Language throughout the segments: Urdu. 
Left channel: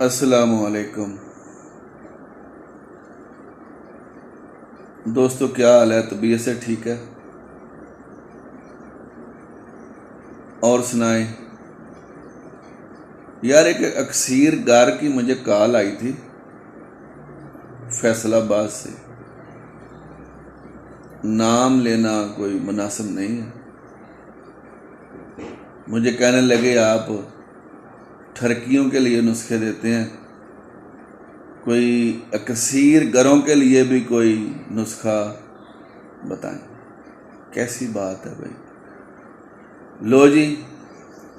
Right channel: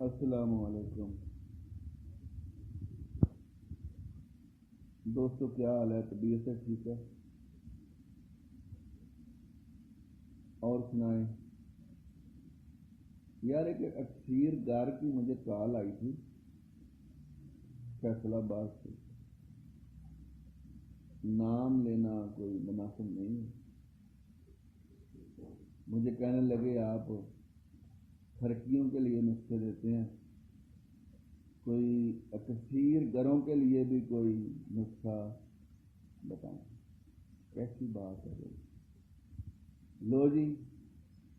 السلام علیکم دوستو، کیا حال ہے؟ طبیعت سے ٹھیک ہے؟ اور سنائیں یار، ایک اکثیر گار کی مجھے کال آئی تھی فیصل آباد سے. نام لینا کوئی مناسب نہیں ہے. مجھے کہنے لگے آپ ٹھرکیوں کے لیے نسخے دیتے ہیں، کوئی اکثیر گروں کے لیے بھی کوئی نسخہ بتائیں. کیسی بات ہے بھائی؟ لو جی،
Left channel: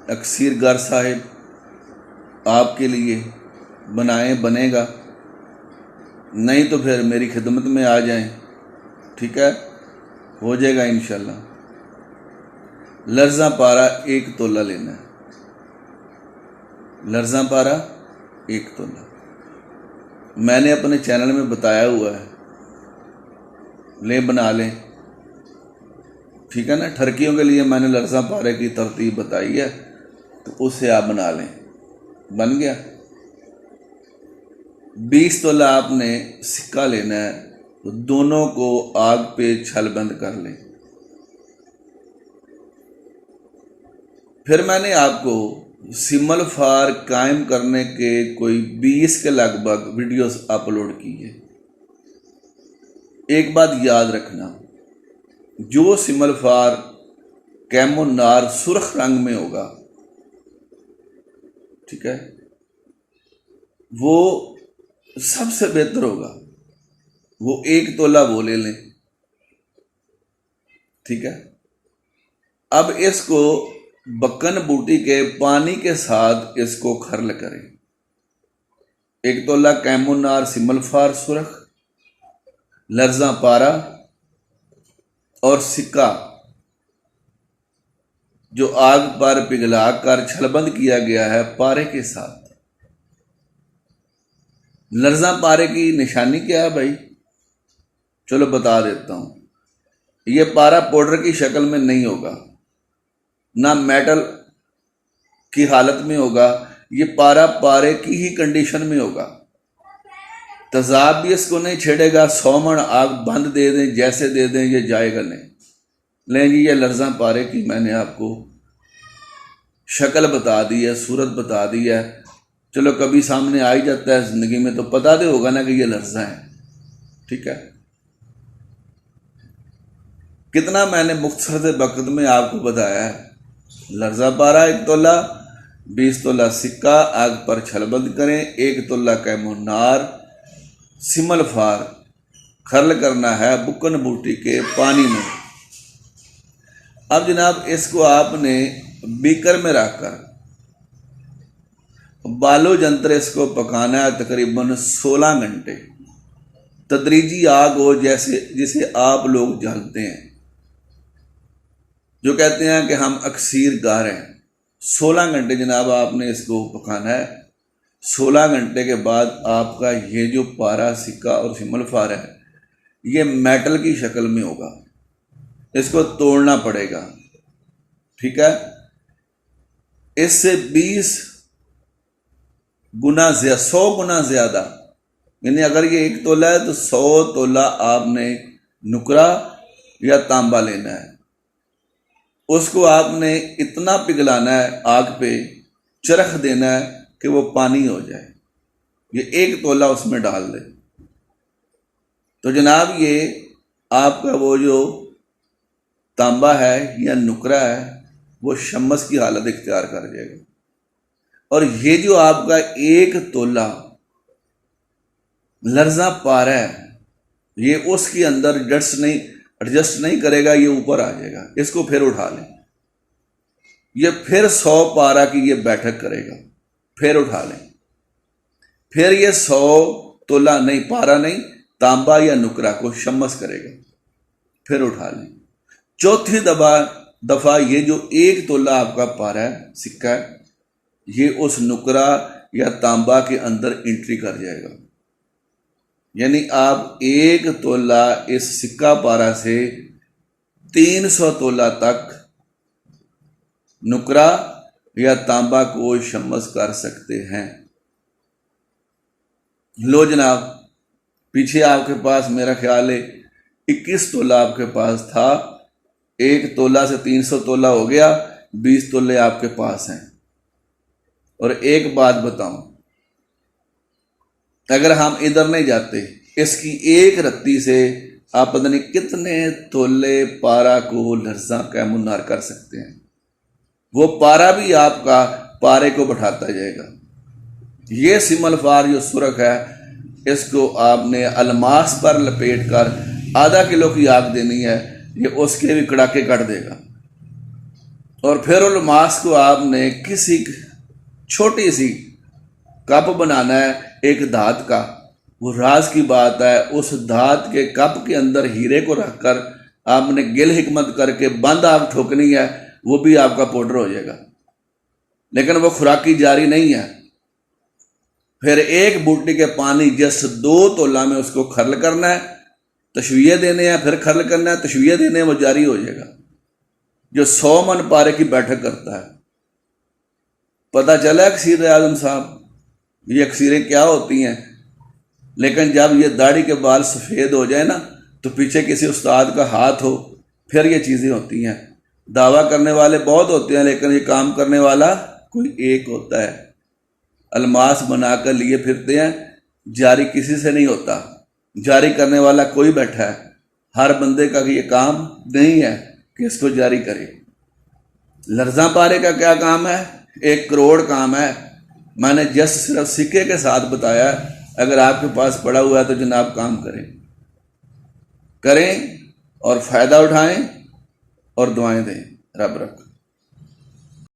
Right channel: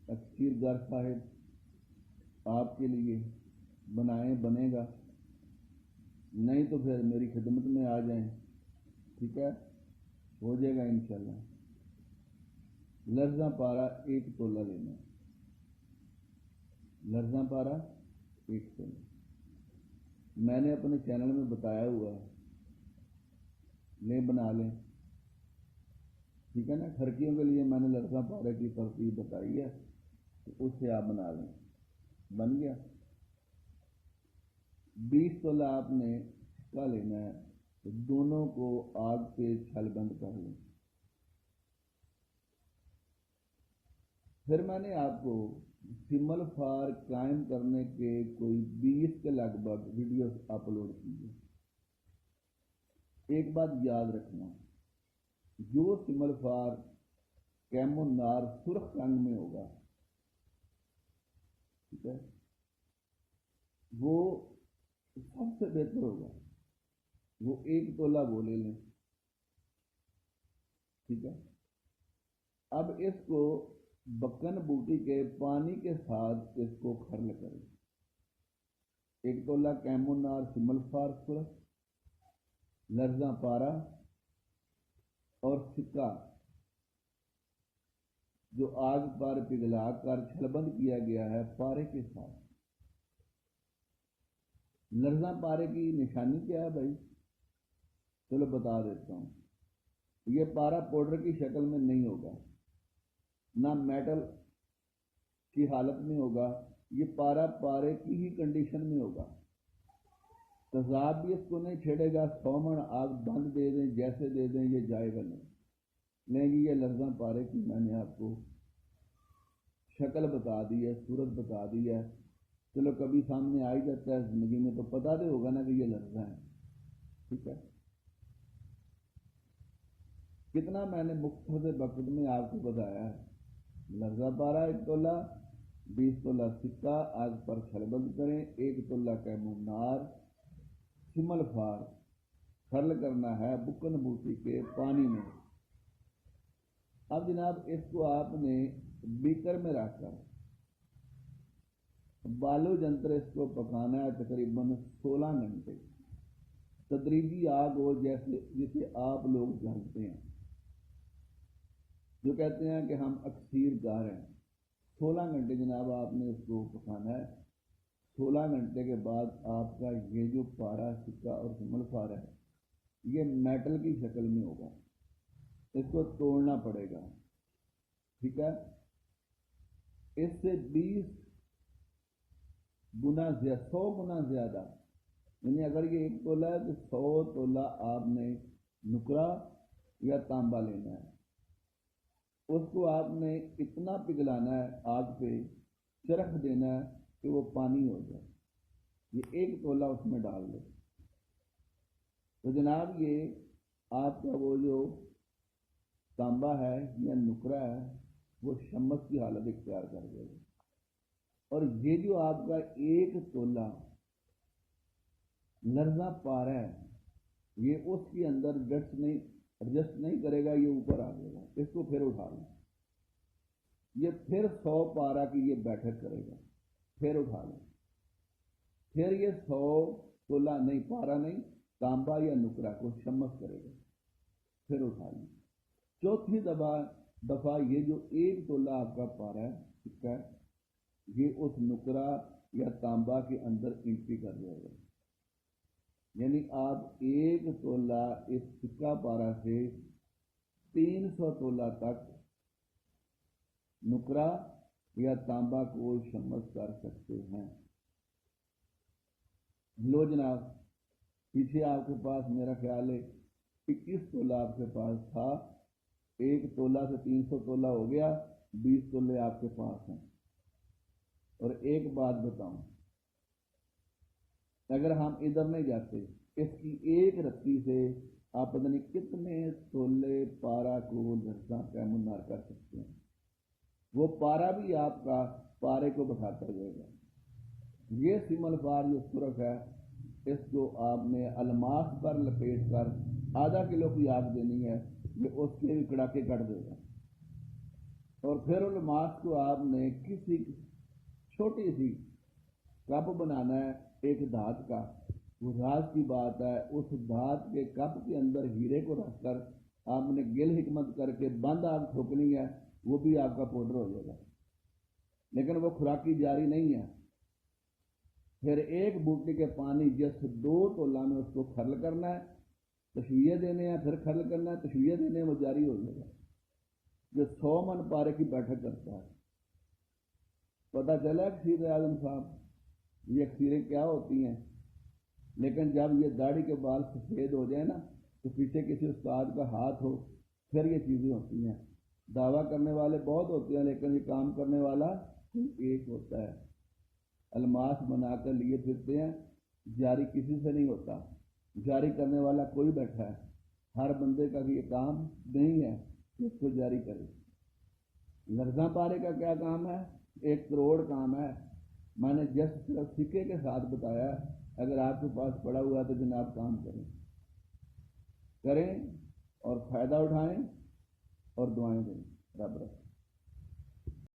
اکثیر گر صاحب آپ کے لیے بنائیں، بنے گا. نہیں تو پھر میری خدمت میں آ جائیں، ٹھیک ہے؟ ہو جائے گا انشاءاللہ. لرزاں پارا 1 تولہ لینا ہے. لرزاں پارا 1 تولہ میں نے اپنے چینل میں بتایا ہوا ہے، لیں بنا لیں، ٹھیک ہے نا. ٹھرکیوں کے لیے میں نے لرزاں پارے کی ترتیب بتائی ہے، تو اس سے آپ بنا لیں. بن گیا. 20 تولہ آپ نے سکہ لینا ہے، تو دونوں کو آگ پہ چھل بند کر لیں. پھر میں نے آپ کو سمل فار قائم کرنے کے کوئی 20 کے لگ بھگ ویڈیوز اپلوڈ کی ہے. ایک بات یاد رکھنا، جو سمل فار کیمو نار سرخ رنگ میں ہوگا، ٹھیک ہے، وہ سب سے بہتر ہوگا. وہ 1 تولہ وہ لے لیں، ٹھیک ہے. اب اس کو بکن بوٹی کے پانی کے ساتھ اس کو کھرل کریں. 1 تولہ کیمو نار سمل فار سرخ، لرزاں پارا اور سکہ جو آگ پر پگھلا کر چھلبند کیا گیا ہے پارے کے ساتھ. لرزاں پارے کی نشانی کیا ہے بھائی؟ چلو بتا دیتا ہوں. یہ پارا پاؤڈر کی شکل میں نہیں ہوگا، نہ میٹل کی حالت میں ہوگا. یہ پارا پارے کی ہی کنڈیشن میں ہوگا. تیزاب بھی اس کو نہیں چھیڑے گا. 100 من آگ بند دے دیں، جیسے دے دیں یہ جائے گا نہیں. لیں جی، یہ لرزاں پارے کی میں نے آپ کو شکل بتا دی ہے، صورت بتا دی ہے. چلو کبھی سامنے آ ہی جاتا ہے زندگی میں، تو پتا دے ہوگا نا کہ یہ لرزاں ہے، ٹھیک ہے. کتنا میں نے مختصر سے وقت میں آپ کو بتایا ہے. لرزاں پارا 1 تولہ، 20 تولہ سکہ آگ پر چھلبند کریں، 1 تولہ کیمو نار سمل فار کھرل کرنا ہے بکن بوٹی کے پانی میں. اب جناب اس کو آپ نے بیکر میں رکھ کر بالو جنتر اس کو پکانا ہے تقریباً 16 گھنٹے. تدریجی آگ ہو، جسے آپ لوگ جانتے ہیں، جو کہتے ہیں کہ ہم اکثیر گار ہیں. 16 گھنٹے جناب آپ نے اس کو پکانا ہے. 16 گھنٹے کے بعد آپ کا یہ جو پارا سکہ اور سمل فار ہے، یہ میٹل کی شکل میں ہوگا. اس کو توڑنا پڑے گا، ٹھیک ہے. اس سے 20 گنا 100 گنا زیادہ، یعنی اگر یہ 1 تولہ ہے تو 100 تولہ آپ نے نکرا یا تانبا لینا ہے. اس کو آپ نے اتنا پگھلانا ہے، آگ پہ چرخ دینا ہے کہ وہ پانی ہو جائے. یہ 1 تولہ اس میں ڈال دیں تو جناب یہ آپ کا وہ جو تانبا ہے یا نکرا ہے، وہ شمس کی حالت اختیار کر جائے گا. اور یہ جو آپ کا 1 تولہ لرزاں پارا ہے، یہ اس کے اندر ایڈجسٹ نہیں کرے گا، یہ اوپر آ جائے گا. اس کو پھر اٹھا لیں. یہ پھر 100 پارا کی یہ بیٹھک کرے گا. پھر اٹھا لیں. پھر یہ 100 تولہ نہیں، پارا نہیں، تانبا یا نکرا کو شمس کرے گا. پھر اٹھا لیں. چوتھی دفعہ یہ جو 1 تولہ آپ کا پارا ہے، سکہ ہے، یہ اس نکرا یا تانبا کے اندر انٹری کر جائے گا. یعنی آپ 1 تولہ اس سکہ پارا سے 300 تولہ تک نکرا یا تانبا کو شمس کر سکتے ہیں. لو جناب، پیچھے آپ کے پاس میرا خیال ہے 21 تولہ آپ کے پاس تھا، 1 تولہ سے 300 تولہ ہو گیا، 20 تولے آپ کے پاس ہیں۔ اور ایک بات بتاؤں، اگر ہم ادھر نہیں جاتے، اس کی ایک رتی سے آپ پتہ نہیں کتنے تولے پارا کو لرزاں کیمونار کر سکتے ہیں۔ وہ پارا بھی آپ کا پارے کو بٹھاتا جائے گا۔ یہ سمل فار جو سرخ ہے، اس کو آپ نے الماس پر لپیٹ کر آدھا کلو کی آگ دینی ہے، یہ اس کے بھی کڑاکے کٹ دے گا۔ اور پھر الماس کو آپ نے کسی چھوٹی سی کپ بنانا ہے ایک دھات کا، وہ راز کی بات ہے، اس دھات کے کپ کے اندر ہیرے کو رکھ کر آپ نے گل حکمت کر کے بند آگ ٹھوکنی ہے، وہ بھی آپ کا پاؤڈر ہو جائے گا، لیکن وہ خوراکی جاری نہیں ہے۔ پھر ایک بوٹی کے پانی جس 2 تولہ میں اس کو کھرل کرنا ہے، تشویے دینے ہیں، پھر کھرل کرنا ہے، تشویے دینے ہیں، وہ جاری ہو جائے گا، جو 100 من پارے کی بیٹھک کرتا ہے۔ پتہ چلا اکسیر اعظم صاحب یہ اکسیریں کیا ہوتی ہیں، لیکن جب یہ داڑھی کے بال سفید ہو جائے نا تو پیچھے کسی استاد کا ہاتھ ہو، پھر یہ چیزیں ہوتی ہیں۔ دعویٰ کرنے والے بہت ہوتے ہیں، لیکن یہ کام کرنے والا کوئی ایک ہوتا ہے۔ الماس بنا کر لیے پھرتے ہیں، جاری کسی سے نہیں ہوتا، جاری کرنے والا کوئی بیٹھا ہے، ہر بندے کا یہ کام نہیں ہے کہ اس کو جاری کرے۔ لرزاں پارے کا کیا کام ہے؟ 1 کروڑ کام ہے۔ میں نے جس صرف سکے کے ساتھ بتایا، اگر آپ کے پاس پڑا ہوا ہے تو جناب کام کریں اور فائدہ اٹھائیں اور دعائیں دیں۔ رب رکھ۔